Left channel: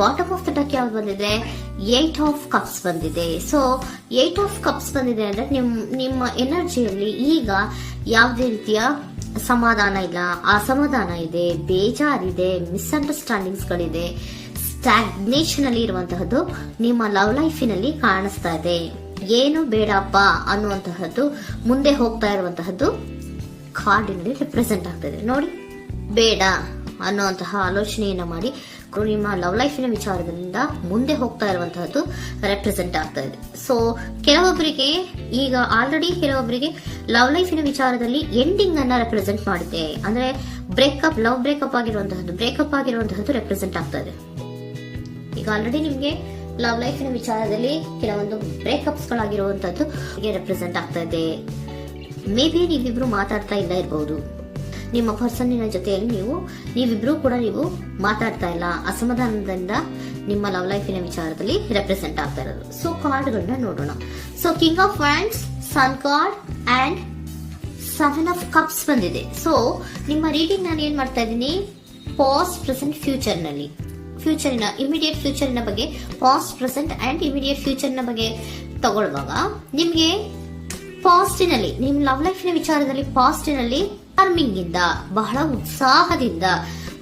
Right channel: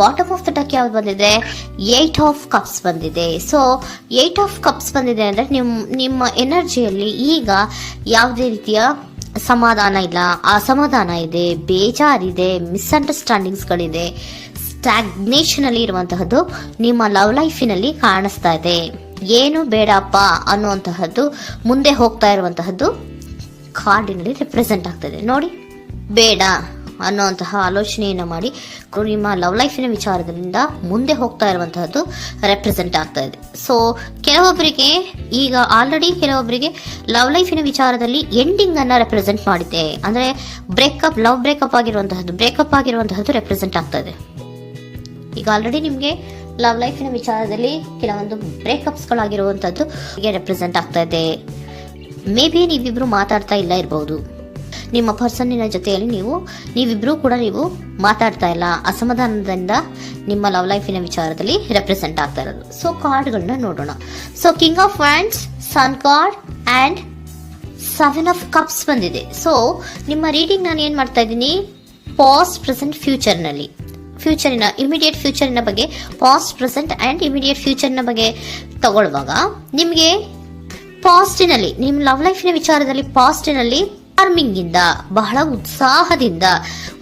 Bottom of the duck ಯಾವ್ದು ಬಂದಿದೆ, 8 of cups ಬಂದಿದೆ. ಸೊ 8 ಆಫ್ ಕಪ್ಸ್ ಬಂದಿದೆ ಅಂದ್ರೆ ನಿಮ್ಮ ಎನರ್ಜಿಯಲ್ಲಿ ಈಗ ಯಾವುದೇ ರೀತಿಯ ಸಮಾಧಾನ ಇಲ್ಲ, ಅಸಮಾಧಾನ ಇದೆ, ಬೇಜಾರಿದೆ, ಮಿಸ್ಅಂಡರ್ಸ್ಟ್ಯಾಂಡಿಂಗ್ಸ್ ಗಳಿದೆ, ಸ್ಟಾಗ್ನೇಷನ್ ಅಲ್ಲಿ ಇರುವಂತಹದ್ದು ನಿಮ್ಮ ಲವ್ ಲೈಫಿನಲ್ಲಿ ಕಾಣಿಸ್ತಾ ಇದೆ. ಏನು ಬೇಡಪ್ಪ ಅನ್ನುವಂತಹದ್ದು ಮುಂದೆ ಹೋಗ್ತಾ ಇರುವಂತಹದ್ದು ಕಾರ್ಡಿನಲ್ಲಿ ರೆಪ್ರೆಸೆಂಟ್ ಆಗ್ತದೆ. ನೋಡಿ, ಬೇಡ ಅನ್ನುವಂತಹ ಆಲೋಚನೆಯನ್ನು ಮಾಡಿ ನಿಮ್ಮ ಲವ್ ಲೈಫಿನ ವಿಚಾರದಿಂದ ಮುಂದೆ ಹೋಗ್ತಾ ಇರುವಂತಹದ್ದು ರೆಪ್ರೆಸೆಂಟ್ ಆಗ್ತಾ ಇದೆ. ಸೊ ಕೆಲವೊಬ್ಬರಿಗೆ ಈಗ ಆಲ್ರೆಡಿ ಕೆಲವೊಬ್ಬರಿಗೆ ಲವ್ ಲೈಫಿನ ವಿಚಾರದಲ್ಲಿ ಎಂಡಿಂಗ್ ಅನ್ನ ರೆಪ್ರೆಸೆಂಟ್ ಮಾಡಿದೆ. ಅಂದ್ರೆ ಲವ್ ಬ್ರೇಕಪ್ ಆಗಿರುವಂತಹದ್ದು ರೆಪ್ರೆಸೆಂಟ್ ಆಗ್ತಾ ಇದೆ. ಈಗ ಆಲ್ರೆಡಿ ನಿಮ್ಗೆ ಲವ್ ಲೈಫಿನ ವಿಚಾರದಲ್ಲಿ ಕೆಲವೊಂದು ಬ್ರೇಕಪ್ಸ್ ಗಳಾಗಿರುವಂತದ್ದು ರೆಪ್ರೆಸೆಂಟ್ ಆಗ್ತಾ ಇದೆ. ಮೇ ಬಿ ನೀವಿಬ್ರು ಮಾತಾಡ್ತಾ ಇಲ್ಲ ಇರಬಹುದು, ನಿಮ್ಮ ಪರ್ಸನ್ನಿನ ಜೊತೆಯಲ್ಲಿ ನೀವಿಬ್ರು ಕೂಡ ಮಾತಾಡ್ತಾ ಇಲ್ಲ, ಅಸಮಾಧಾನದಿಂದ ನಿಮ್ಮ ಲವ್ ಲೈಫಿನ ವಿಚಾರದಲ್ಲಿ ರೆಪ್ರೆಸೆಂಟ್ ಆಗ್ತಾ ಇರೋದು. ಸೊ ಕಾರ್ಡ್ಗಳನ್ನ ನೋಡೋಣ. So king of wands, sun card and 7 of cups ಬಂದಿದೆ. ಸೊ ನಿಮ್ಮ ರೀಡಿಂಗ್ ನಾನು ಏನ್ ಮಾಡ್ತಾ ಇದ್ದೀನಿ, ಪಾಸ್ಟ್, ಪ್ರೆಸೆಂಟ್, ಫ್ಯೂಚರಿನ ಇಮಿಡಿಯೇಟ್ ಫ್ಯೂಚರಿನ ಬಗ್ಗೆ, ಪಾಸ್ಟ್, ಪ್ರೆಸೆಂಟ್ ಅಂಡ್ ಇಮಿಡಿಯೇಟ್ ಫ್ಯೂಚರ್ನ ಬಗ್ಗೆ ತಗೊಳ್ಳುವಾಗ ನಿಮ್ಗೆ ಪಾಸ್ಟಿನಲ್ಲಿ ನಿಮ್ಮ ಲವ್ ಲೈಫಿನ ವಿಚಾರದಲ್ಲಿ ಪಾಸ್ಟಿನಲ್ಲಿ ಚಾರ್ಮಿಂಗ್ ಇಂದ, ಬಹಳ ಉತ್ಸಾಹದಿಂದ,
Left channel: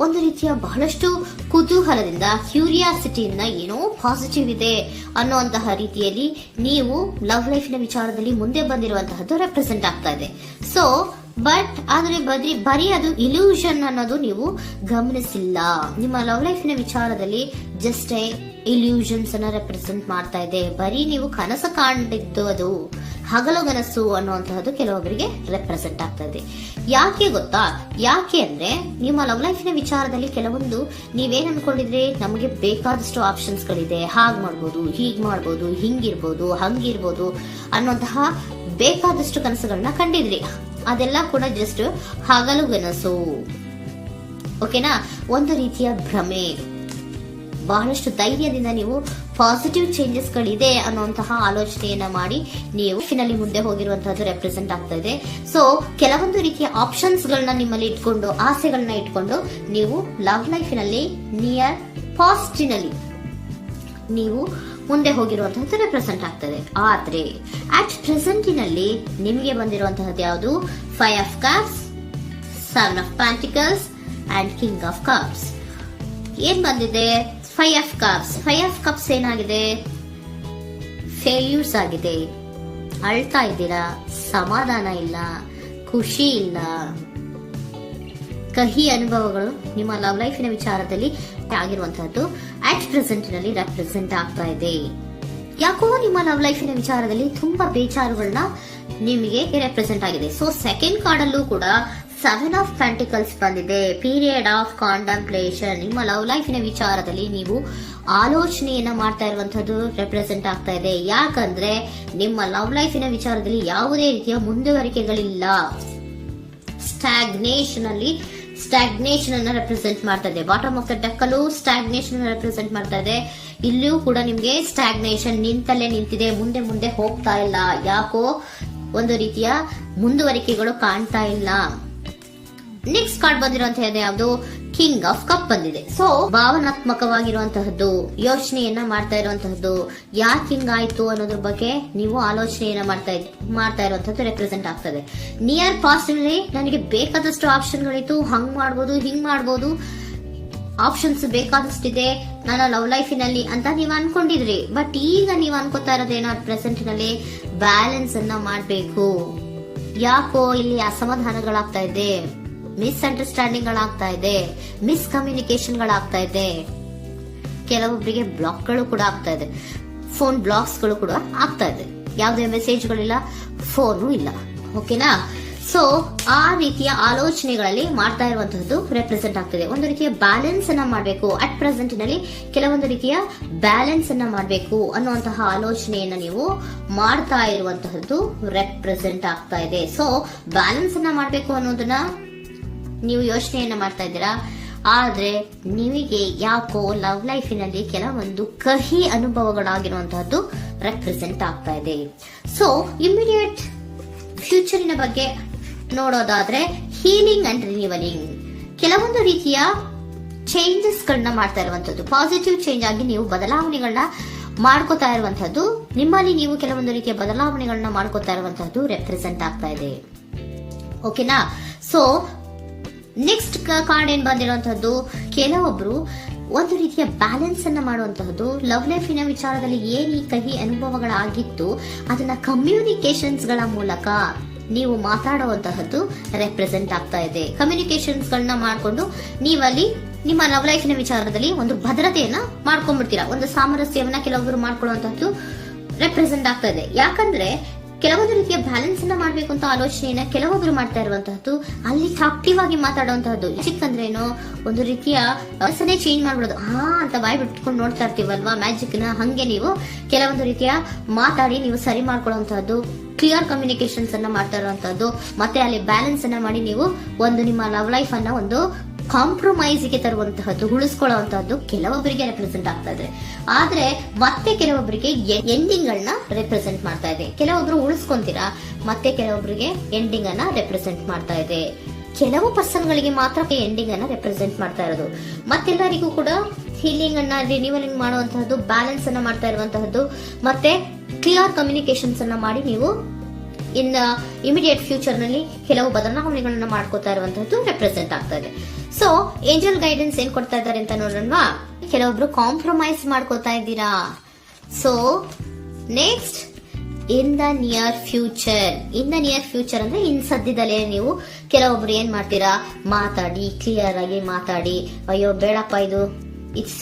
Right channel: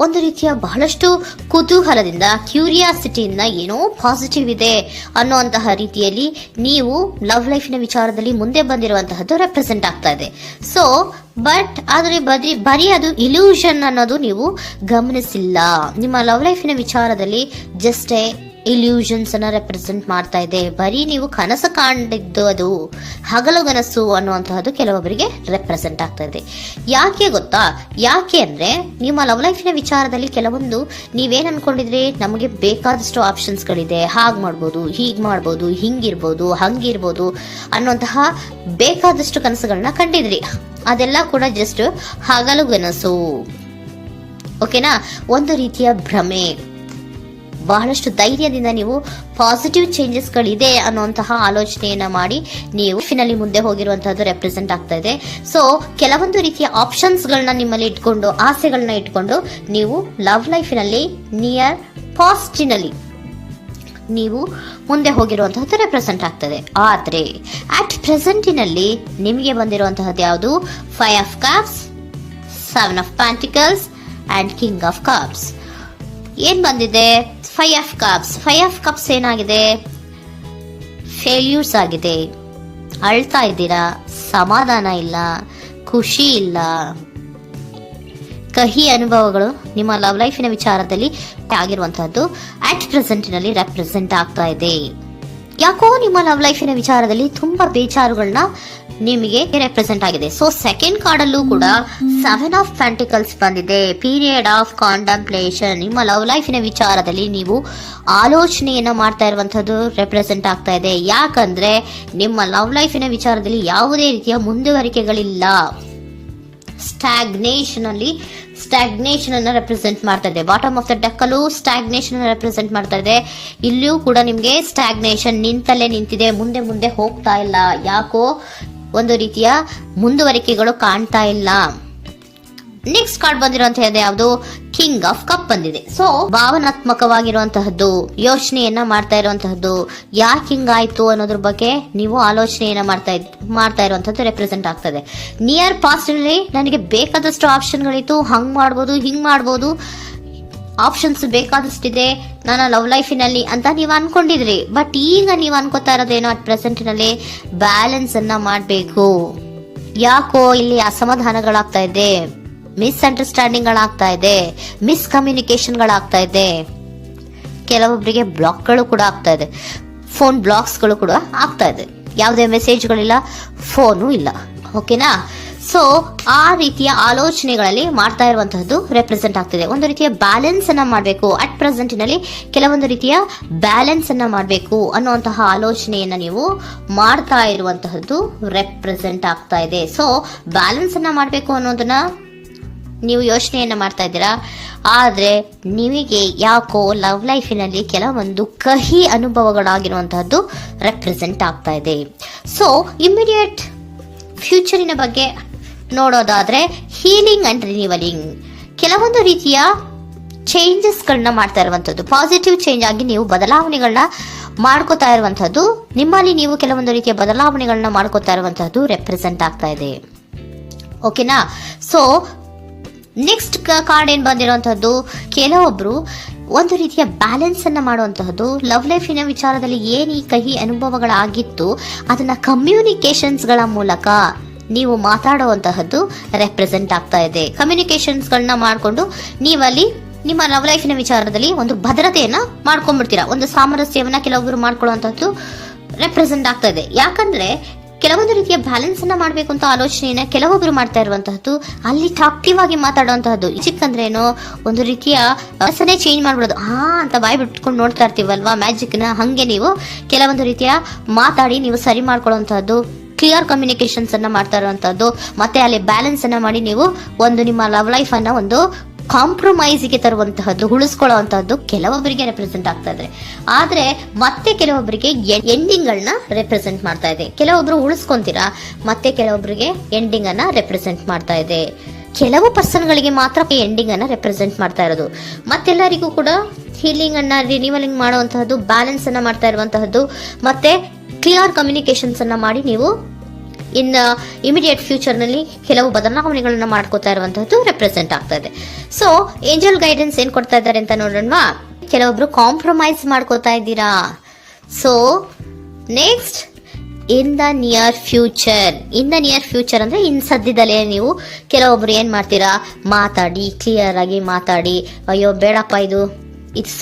ಒಂದು ರೀತಿಯ ಬಹಳಷ್ಟು ಕುತೂಹಲದಿಂದ, ಕ್ಯೂರಿಯಾಸಿಟಿಯಿಂದ ಏನೋ ಪಾಸಿಟಿವ್ ಇದೆ ಅನ್ನುವಂತಹ ರೀತಿಯಲ್ಲಿ ನೀವು ಲವ್ ಲೈಫಿನ ವಿಚಾರದಲ್ಲಿ ಮುಂದೆ ಬಂದಿರುವಂತಹದ್ದು ರೆಪ್ರೆಸೆಂಟ್ ಆಗ್ತಾ ಇದೆ. ಸೊ ಆದರೆ ಬರೀ ಅದು ಇಲ್ಯೂಷನ್ ಅನ್ನೋದು ನೀವು ಗಮನಿಸಿಲ್ಲ. ನಿಮ್ಮ ಲವ್ ಲೈಫಿನ ವಿಚಾರದಲ್ಲಿ ಜಸ್ಟ್ ಇಲ್ಯೂಷನ್ಸ್ ಅನ್ನ ರೆಪ್ರೆಸೆಂಟ್ ಮಾಡ್ತಾ ಇದೆ. ಬರೀ ನೀವು ಕನಸು ಕಾಣಿದ್ದು ಅದು ಹಗಲುಗನಸು ಅನ್ನುವಂತಹದ್ದು ಕೆಲವೊಬ್ಬರಿಗೆ ರೆಪ್ರೆಸೆಂಟ್ ಆಗ್ತಾ ಇದೆ. ಯಾಕೆ ಗೊತ್ತಾ? ಯಾಕೆ ಅಂದ್ರೆ ನಿಮ್ಮ ಲವ್ ಲೈಫಿನ ವಿಚಾರದಲ್ಲಿ ಕೆಲವೊಂದು ನೀವೇನ್ ಅನ್ಕೊಂಡಿದ್ರಿ, ನಮಗೆ ಬೇಕಾದಷ್ಟು ಆಪ್ಷನ್ಸ್ ಗಳಿದೆ, ಹಾಗ್ ಮಾಡ್ಬೋದು, ಹೀಗ್ ಮಾಡ್ಬೋದು, ಹಿಂಗಿರ್ಬೋದು, ಹಂಗಿರ್ಬೋದು ಅನ್ನುವಂತಹ ಬೇಕಾದಷ್ಟು ಕನಸುಗಳನ್ನ ಕಂಡಿದ್ರಿ. ಅದೆಲ್ಲ ಕೂಡ ಜಸ್ಟ್ ಹಗಲುಗನಸು. ಓಕೆನಾ? ಒಂದು ರೀತಿಯ ಭ್ರಮೆ. ಬಹಳಷ್ಟು ಧೈರ್ಯದಿಂದ ನೀವು ಪಾಸಿಟಿವ್ ಚೇಂಜಸ್ ಗಳಿದೆ ಅನ್ನುವಂತಹ ಆಲೋಚನೆಯನ್ನ ಮಾಡಿ ನೀವು ಫಿನಲ್ಲಿ ಮುಂದೆ ಹೋಗಿರುವಂತಹದ್ದು ರೆಪ್ರೆಸೆಂಟ್ ಆಗ್ತಾ ಇದೆ. ಸೊ ಕೆಲವೊಂದು ರೀತಿಯ ಆಪ್ಷನ್ಸ್ ಗಳನ್ನ ನಿಮ್ಮಲ್ಲಿ ಇಟ್ಕೊಂಡು, ಆಸೆಗಳನ್ನ ಇಟ್ಕೊಂಡು ನೀವು ಲವ್ ಲೈಫಿನಲ್ಲಿ ನಿಯರ್ ಪಾಸ್ಟಿನಲ್ಲಿ ನೀವು ಮುಂದೆ ಹೋಗಿರುವಂತಹದ್ದು ರೆಪ್ರೆಸೆಂಟ್ ಆಗ್ತದೆ. ಆದ್ರೆ ಅಟ್ ಪ್ರೆಸೆಂಟಿನಲ್ಲಿ ನಿಮಗೆ ಬಂದಿರುವಂತಹದ್ದು ಯಾವುದು, 5 of cups, 7 of pentacles and king of cups. ಏನ್ ಬಂದಿದೆ? 5 ಆಫ್ ಕಪ್ಸ್. 5 ಆಫ್ ಕಪ್ಸ್ ಏನಾಗಿದೆ? ಫೇಲ್ಯೂರ್ಸ್ ಆಗಿದೆ, ಅಳ್ತಾ ಇದ್ದೀರಾ, ಸಮಾಧಾನ ಇಲ್ಲ, ಖುಷಿ ಇಲ್ಲ, ಕಹಿ ಅನುಭವಗಳು ನಿಮ್ಮ ಲವ್ ಲೈಫಿನ ವಿಚಾರದಲ್ಲಿ ಆಗಿರುವಂತಹದ್ದು ಅಟ್ ಪ್ರೆಸೆಂಟಿನಲ್ಲಿ ರೆಪ್ರೆಸೆಂಟ್ ಆಗ್ತಾ ಇದೆ. ಯಾಕೋ ನಿಮ್ಮ ಲವ್ ಲೈಫಿನ ವಿಚಾರದಲ್ಲಿ ತುಂಬಾ ಬೇಜಾರುಗಳನ್ನ ನಿಮಗೆ ರೆಪ್ರೆಸೆಂಟ್ ಆಗಿದೆ. ಸೊ ಸೆಕೆಂಡ್ ಕಾರ್ಡ್ ಅಲ್ಲೂ ಕೂಡ 7 ಆಫ್ ಪ್ಯಾಂಟಿಕಲ್ಸ್ ಬಂದಿದೆ. Period of contemplation. ನಿಮ್ಮ ಲವ್ ಲೈಫಿನ ವಿಚಾರದಲ್ಲಿ ನೀವು ಆಲೋಚನೆಯನ್ನ ಮಾಡ್ತಾ ಇರುವಂತದ್ದು ರೆಪ್ರೆಸೆಂಟ್ ಆಗ್ತಾ ಇದೆ. ಯಾಕಂದ್ರೆ ನಿಮ್ಮ ಲವ್ ಲೈಫಿನ ವಿಚಾರದಲ್ಲಿ ಯಾವುದೇ ರೀತಿಯ ಮುಂದುವರಿಕೆಗಳಿಲ್ಲ. ಸ್ಟಾಗ್ನೇಷನ್ ಅನ್ನ ರೆಪ್ರೆಸೆಂಟ್ ಮಾಡ್ತಾ ಇದೆ. ಬಾಟಮ್ ಆಫ್ ದ ಡೆಕ್ ಅಲ್ಲೂ ಸ್ಟಾಗ್ನೇಷನ್ ಅನ್ನ ರೆಪ್ರೆಸೆಂಟ್ ಮಾಡ್ತಾ ಇದೆ. ಇಲ್ಲಿಯೂ ಕೂಡ ನಿಮ್ಗೆ ಸ್ಟಾಗ್ನೇಷನ್, ನಿಂತಲ್ಲೇ ನಿಂತಿದೆ, ಮುಂದೆ ಹೋಗ್ತಾ ಇಲ್ಲ. ಯಾಕೋ ಒಂದು ರೀತಿಯ ಮುಂದುವರಿಕೆಗಳು ಕಾಣ್ತಾ ಇಲ್ಲ. ನೆಕ್ಸ್ಟ್ ಕಾರ್ಡ್ ಬಂದಿರುವಂತಹದ್ದು ಯಾವುದು? ಕಿಂಗ್ ಆಫ್ ಕಪ್ ಬಂದಿದೆ. ಸೊ ಭಾವನಾತ್ಮಕವಾಗಿರುವಂತಹದ್ದು, ಯೋಚನೆಯನ್ನ ಮಾಡ್ತಾ ಇರುವಂತಹದ್ದು, ಯಾಕೆ ಹಿಂಗಾಯ್ತು ಅನ್ನೋದ್ರ ಬಗ್ಗೆ ನೀವು ಆಲೋಚನೆಯನ್ನ ಮಾಡ್ತಾ ಇರುವಂತಹದ್ದು ರೆಪ್ರೆಸೆಂಟ್ ಆಗ್ತದೆ. ನಿಯರ್ ಪಾಸ್ಟ್ ನಲ್ಲಿ ನನಗೆ ಬೇಕಾದಷ್ಟು ಆಪ್ಷನ್ ಗಳಿತ್ತು, ಹಂಗ್ ಮಾಡ್ಬೋದು, ಹಿಂಗ್ ಮಾಡ್ಬೋದು, ಆಪ್ಷನ್ಸ್ ಬೇಕಾದಷ್ಟಿದೆ ನನ್ನ ಲವ್ ಲೈಫಿನಲ್ಲಿ ಅಂತ ನೀವು ಅನ್ಕೊಂಡಿದ್ರಿ. ಬಟ್ ಈಗ ನೀವು ಅನ್ಕೋತಾ ಇರೋದೇನೋ ಅಟ್ ಪ್ರೆಸೆಂಟ್ ನಲ್ಲಿ ಬ್ಯಾಲೆನ್ಸ್ ಅನ್ನ ಮಾಡ್ಬೇಕು. ಯಾಕೋ ಇಲ್ಲಿ ಅಸಮಾಧಾನಗಳಾಗ್ತಾ ಇದೆ, ಮಿಸ್ಅಂಡರ್ಸ್ಟ್ಯಾಂಡಿಂಗ್ ಗಳಾಗ್ತಾ ಇದೆ, ಮಿಸ್ಕಮ್ಯುನಿಕೇಶನ್ ಗಳಾಗ್ತಾ ಇದೆ, ಕೆಲವೊಬ್ಬರಿಗೆ ಬ್ಲಾಕ್ಗಳು ಕೂಡ ಆಗ್ತಾ ಇದೆ, ಫೋನ್ ಬ್ಲಾಕ್ಸ್ ಗಳು ಕೂಡ ಆಗ್ತಾ ಇದೆ, ಯಾವುದೇ ಮೆಸೇಜ್ಗಳಿಲ್ಲ, ಫೋನು ಇಲ್ಲ. ಓಕೆನಾ? ಸೊ ಆ ರೀತಿಯ ಆಲೋಚನೆಗಳಲ್ಲಿ ಮಾಡ್ತಾ ಇರುವಂತಹದ್ದು ರೆಪ್ರೆಸೆಂಟ್ ಆಗ್ತಿದೆ. ಒಂದು ರೀತಿಯ ಬ್ಯಾಲೆನ್ಸ್ ಅನ್ನ ಮಾಡಬೇಕು, ಅಟ್ ಪ್ರೆಸೆಂಟ್ ನಲ್ಲಿ ಕೆಲವೊಂದು ರೀತಿಯ ಬ್ಯಾಲೆನ್ಸ್ ಅನ್ನ ಮಾಡಬೇಕು ಅನ್ನುವಂತಹ ಆಲೋಚನೆಯನ್ನ ನೀವು ಮಾಡ್ತಾ ಇರುವಂತಹದ್ದು ರೆಪ್ರೆಸೆಂಟ್ ಆಗ್ತಾ ಇದೆ. ಸೊ ಬ್ಯಾಲೆನ್ಸ್ ಅನ್ನ ಮಾಡಬೇಕು ಅನ್ನೋದನ್ನ ನೀವು ಯೋಚನೆಯನ್ನ ಮಾಡ್ತಾ ಇದ್ದೀರಾ. ಆದ್ರೆ ನಿಮಗೆ ಯಾಕೋ ಲವ್ ಲೈಫಿನಲ್ಲಿ ಕೆಲವೊಂದು ಕಹಿ ಅನುಭವಗಳಾಗಿರುವಂತಹದ್ದು ರೆಪ್ರೆಸೆಂಟ್ ಆಗ್ತಾ ಇದೆ. ಸೊ ಇಮಿಡಿಯೇಟ್ ಫ್ಯೂಚರಿನ ಬಗ್ಗೆ ನೋಡೋದಾದ್ರೆ ಹೀಲಿಂಗ್ ಅಂಡ್ ರಿನಿವಲಿಂಗ್, ಕೆಲವೊಂದು ರೀತಿಯ ಚೇಂಜಸ್ ಗಳನ್ನ ಮಾಡ್ತಾ ಇರುವಂತದ್ದು, ಪಾಸಿಟಿವ್ ಚೇಂಜ್ ಆಗಿ ನೀವು ಬದಲಾವಣೆಗಳನ್ನ ಮಾಡ್ಕೋತಾ ಇರುವಂತದ್ದು, ನಿಮ್ಮಲ್ಲಿ ನೀವು ಕೆಲವೊಂದು ರೀತಿಯ ಬದಲಾವಣೆಗಳನ್ನ ಮಾಡ್ಕೋತಾ ಇರುವಂತದ್ದು ರೆಪ್ರೆಸೆಂಟ್ ಆಗ್ತಾ ಇದೆ. ಓಕೆನಾ? ಸೊ ನೆಕ್ಸ್ಟ್ ಕಾರ್ಡ್ ಏನ್ ಬಂದಿರುವಂತದ್ದು, ಕೆಲವೊಬ್ರು ಒಂದು ರೀತಿಯ ಬ್ಯಾಲೆನ್ಸ್ ಅನ್ನ ಮಾಡುವಂತಹದ್ದು, ಲವ್ ಲೈಫಿನ ವಿಚಾರದಲ್ಲಿ ಏನ್ ಈ ಕಹಿ ಅನುಭವಗಳಾಗಿತ್ತು ಅದನ್ನ ಕಮ್ಯುನಿಕೇಶನ್ಸ್ ಗಳ ಮೂಲಕ ನೀವು ಮಾತಾಡುವಂತಹದ್ದು ರೆಪ್ರೆಸೆಂಟ್ ಆಗ್ತಾ ಇದೆ. ಕಮ್ಯುನಿಕೇಶನ್ಸ್ ಗಳನ್ನ ಮಾಡ್ಕೊಂಡು ನೀವಲ್ಲಿ ನಿಮ್ಮ ಲವ್ ಲೈಫಿನ ವಿಚಾರದಲ್ಲಿ ಒಂದು ಭದ್ರತೆಯನ್ನ ಮಾಡ್ಕೊಂಡ್ಬಿಡ್ತೀರಾ, ಒಂದು ಸಾಮರಸ್ಯವನ್ನ ಕೆಲವೊಬ್ರು ಮಾಡ್ಕೊಳ್ಳುವಂತಹದ್ದು ರೆಪ್ರೆಸೆಂಟ್ ಆಗ್ತಾ ಇದೆ. ಯಾಕಂದ್ರೆ ಕೆಲವೊಂದು ರೀತಿಯ ಬ್ಯಾಲೆನ್ಸ್ ಅನ್ನ ಮಾಡ್ಬೇಕು ಅಂತ ಆಲೋಚನೆಯನ್ನ ಕೆಲವೊಬ್ರು ಮಾಡ್ತಾ ಇರುವಂತಹದ್ದು, ಅಲ್ಲಿ ಟಾಕ್ಟಿವ್ ಆಗಿ ಮಾತಾಡುವಂತಹದ್ದು. ಚಿಕ್ಕಂದ್ರೆ ಏನೋ ಒಂದು ರೀತಿಯ ಹೆಸರೇ ಚೇಂಜ್ ಮಾಡ್ಬಿಡೋದು, ಅಂತ ಬಾಯಿ ಬಿಟ್ಕೊಂಡು ನೋಡ್ತಾ ಇರ್ತೀವಲ್ವಾ ಮ್ಯಾಜಿಕ್ ನ, ಹಂಗೆ ನೀವು ಕೆಲವೊಂದು ರೀತಿಯ ಮಾತಾಡಿ ನೀವು ಸರಿ ಮಾಡ್ಕೊಳ್ಳುವಂತಹದ್ದು, ಕ್ಲಿಯರ್ ಕಮ್ಯುನಿಕೇಶನ್ಸ್ ಅನ್ನ ಮಾಡ್ತಾ ಇರುವಂತಹದ್ದು, ಮತ್ತೆ ಅಲ್ಲಿ ಬ್ಯಾಲೆನ್ಸ್ ಅನ್ನ ಮಾಡಿ ನೀವು ಒಂದು ನಿಮ್ಮ ಲವ್ ಲೈಫ್ ಅನ್ನ ಒಂದು ಕಾಂಪ್ರಮೈಸ್ಗೆ ತರುವಂತಹದ್ದು, ಉಳಿಸ್ಕೊಳ್ಳುವಂತಹದ್ದು ಕೆಲವೊಬ್ಬರಿಗೆ ರೆಪ್ರೆಸೆಂಟ್ ಆಗ್ತಾ ಇದೆ. ಆದ್ರೆ ಮತ್ತೆ ಕೆಲವೊಬ್ಬರಿಗೆ ಎಂಡಿಂಗ್ ಗಳನ್ನ ರೆಪ್ರೆಸೆಂಟ್ ಮಾಡ್ತಾ ಇದೆ. ಕೆಲವೊಬ್ರು ಉಳಿಸ್ಕೊಂತೀರಾ, ಮತ್ತೆ ಕೆಲವೊಬ್ಬರಿಗೆ ಎಂಡಿಂಗ್ ಅನ್ನ ರೆಪ್ರೆಸೆಂಟ್ ಮಾಡ್ತಾ ಇದೆ. ಕೆಲವು ಪರ್ಸನ್ ಗಳಿಗೆ ಮಾತ್ರ ಎಂಡಿಂಗ್ ಅನ್ನ ರೆಪ್ರೆಸೆಂಟ್ ಮಾಡ್ತಾ ಇರೋದು, ಮತ್ತೆಲ್ಲರಿಗೂ ಕೂಡ ಹೀಲಿಂಗ್ ಅನ್ನ ರಿನಿವಲಿಂಗ್ ಮಾಡುವಂತಹದ್ದು, ಬ್ಯಾಲೆನ್ಸ್ ಅನ್ನ ಮಾಡ್ತಾ ಇರುವಂತಹದ್ದು, ಮತ್ತೆ ಕ್ಲಿಯರ್ ಕಮ್ಯುನಿಕೇಶನ್ಸ್ ಅನ್ನ ಮಾಡಿ ನೀವು ಇನ್ ಇಮಿಡಿಯೇಟ್ ಫ್ಯೂಚರ್ ನಲ್ಲಿ ಕೆಲವು ಬದಲಾವಣೆಗಳನ್ನ ಮಾಡ್ಕೋತಾ ಇರುವಂತಹದ್ದು ರೆಪ್ರೆಸೆಂಟ್ ಆಗ್ತಾ ಇದೆ. ಸೊ ಏಂಜಲ್ ಗೈಡೆನ್ಸ್ ಏನ್ ಕೊಡ್ತಾ ಇದ್ದಾರೆ ಅಂತ ನೋಡೋಣ. ಕೆಲವೊಬ್ರು ಕಾಂಪ್ರಮೈಸ್ ಮಾಡ್ಕೋತಾ ಇದ್ದೀರಾ. So next, in the near future ಅಂದ್ರೆ ಇನ್ ಸದ್ಯದಲ್ಲೇ ನೀವು ಕೆಲವೊಬ್ರು ಏನ್ ಮಾಡ್ತೀರಾ, ಮಾತಾಡಿ ಕ್ಲಿಯರ್ ಆಗಿ ಮಾತಾಡಿ, ಅಯ್ಯೋ ಬೇಡಪ್ಪ ಇದು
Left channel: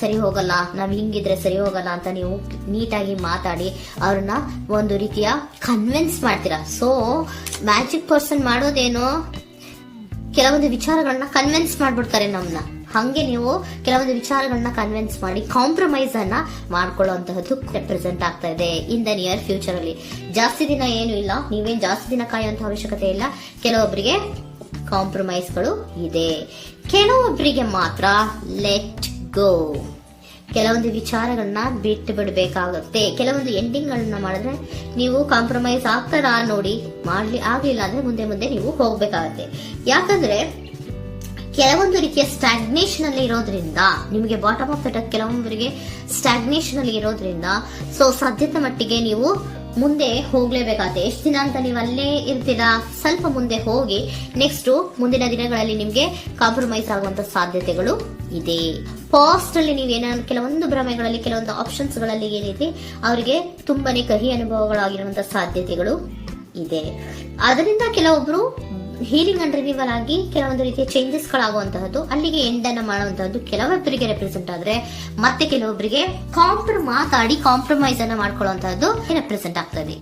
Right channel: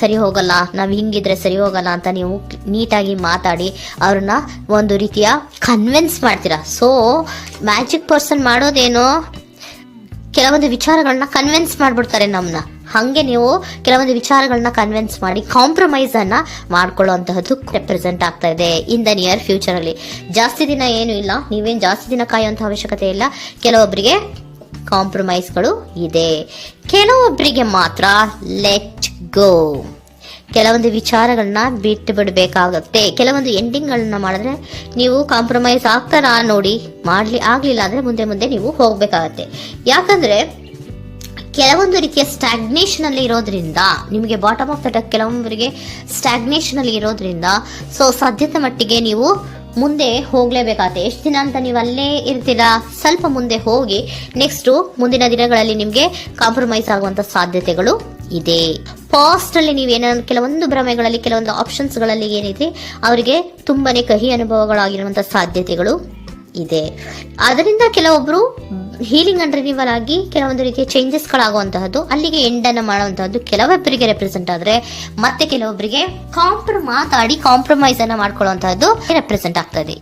ಸರಿ ಹೋಗಲ್ಲ, ನಾವ್ ಹಿಂಗಿದ್ರೆ ಸರಿ ಹೋಗಲ್ಲ ಅಂತ ನೀವು ನೀಟಾಗಿ ಮಾತಾಡಿ ಅವ್ರನ್ನ ಒಂದು ರೀತಿಯ ಕನ್ವಿನ್ಸ್ ಮಾಡ್ತೀರಾ. ಸೊ ಮ್ಯಾಜಿಕ್ ಪರ್ಸನ್ ಮಾಡೋದೇನೋ ಕೆಲವೊಂದು ವಿಚಾರಗಳನ್ನ ಕನ್ವಿನ್ಸ್ ಮಾಡ್ಬಿಡ್ತಾರೆ ನಮ್ನ, ಹಂಗೆ ನೀವು ಕೆಲವೊಂದು ವಿಚಾರಗಳನ್ನ ಕನ್ವಿನ್ಸ್ ಮಾಡಿ ಕಾಂಪ್ರಮೈಸ್ ಅನ್ನ ಮಾಡ್ಕೊಳ್ಳುವಂತಹದ್ದು ರೆಪ್ರೆಸೆಂಟ್ ಆಗ್ತಾ ಇದೆ ಇನ್ ದ ನಿಯರ್ ಫ್ಯೂಚರ್ ಅಲ್ಲಿ. ಜಾಸ್ತಿ ದಿನ ಏನು ಇಲ್ಲ, ನೀವೇನ್ ಜಾಸ್ತಿ ದಿನ ಕಾಯುವಂತ ಅವಶ್ಯಕತೆ ಇಲ್ಲ. ಕೆಲವೊಬ್ಬರಿಗೆ ಕಾಂಪ್ರಮೈಸ್ಗಳು ಇದೆ, ಕೆಲವೊಬ್ಬರಿಗೆ ಮಾತ್ರ ಲೆಟ್ ಗೋ. ಕೆಲವೊಂದು ವಿಚಾರಗಳನ್ನ ಬಿಟ್ಟು ಬಿಡಬೇಕಾಗುತ್ತೆ. ಕೆಲವೊಂದು ಎಂಡಿಂಗ್ ಗಳನ್ನ ಮಾಡಿದ್ರೆ ನೀವು ಕಾಂಪ್ರಮೈಸ್ ಆಗ್ತಾರಾ ನೋಡಿ, ಆಗ್ಲಿಲ್ಲ ಅಂದ್ರೆ ಮುಂದೆ ನೀವು ಹೋಗ್ಬೇಕಾಗತ್ತೆ. ಯಾಕಂದ್ರೆ ಕೆಲವೊಂದು ರೀತಿಯ ಸ್ಟಾಗ್ನೇಷನ್ ಅಲ್ಲಿ ಇರೋದ್ರಿಂದ, ನಿಮಗೆ ಬಾಟಮ್ ಆಫ್ ದ ಡೆಕ್ ಕೆಲವೊಬ್ಬರಿಗೆ ಸ್ಟಾಗ್ನೇಷನ್ ಅಲ್ಲಿ ಇರೋದ್ರಿಂದ, ಸೊ ಸಾಧ್ಯತೆ ಮಟ್ಟಿಗೆ ನೀವು ಮುಂದೆ ಹೋಗ್ಲೇಬೇಕಾಗತ್ತೆ. ಎಷ್ಟು ದಿನ ಅಂತ ನೀವು ಅಲ್ಲೇ ಇರ್ತೀರಾ, ಸ್ವಲ್ಪ ಮುಂದೆ ಹೋಗಿ ನೆಕ್ಸ್ಟ್ ಮುಂದಿನ ದಿನಗಳಲ್ಲಿ ನಿಮ್ಗೆ ಕಾಂಪ್ರಮೈಸ್ ಆಗುವಂತ ಸಾಧ್ಯತೆಗಳು ಇದೆ. ಪಾಸ್ಟ್ ಅಲ್ಲಿ ನೀವೇನಾದ್ರು ಕೆಲವೊಂದು ಭ್ರಮೆಗಳಲ್ಲಿ, ಕೆಲವೊಂದು ಆಪ್ಷನ್ಸ್ ಗಳಲ್ಲಿ ಏನಿದೆ ಅವರಿಗೆ ತುಂಬಾನೇ ಕಹಿ ಅನುಭವಗಳಾಗಿರುವಂತಹ ಸಾಧ್ಯತೆಗಳು ಇದೆ. ಅದರಿಂದ ಕೆಲವೊಬ್ರು ಹೀಲಿಂಗ್ ಅಂಡ್ ರಿನಿವಲ್ ಆಗಿ ಕೆಲವೊಂದು ರೀತಿಯ ಚೇಂಜಸ್ ಗಳಾಗುವಂತಹದ್ದು, ಅಲ್ಲಿಗೆ ಎಂಡ್ ಅನ್ನ ಮಾಡುವಂತಹದ್ದು ಕೆಲವೊಬ್ಬರಿಗೆ ರೆಪ್ರೆಸೆಂಟ್ ಆದ್ರೆ, ಮತ್ತೆ ಕೆಲವೊಬ್ಬರಿಗೆ ಮಾತಾಡಿ ಕಾಂಪ್ರಮೈಸ್ ಅನ್ನ ಮಾಡ್ಕೊಳ್ಳುವಂತಹದ್ದು ರೆಪ್ರೆಸೆಂಟ್ ಆಗ್ತದೆ.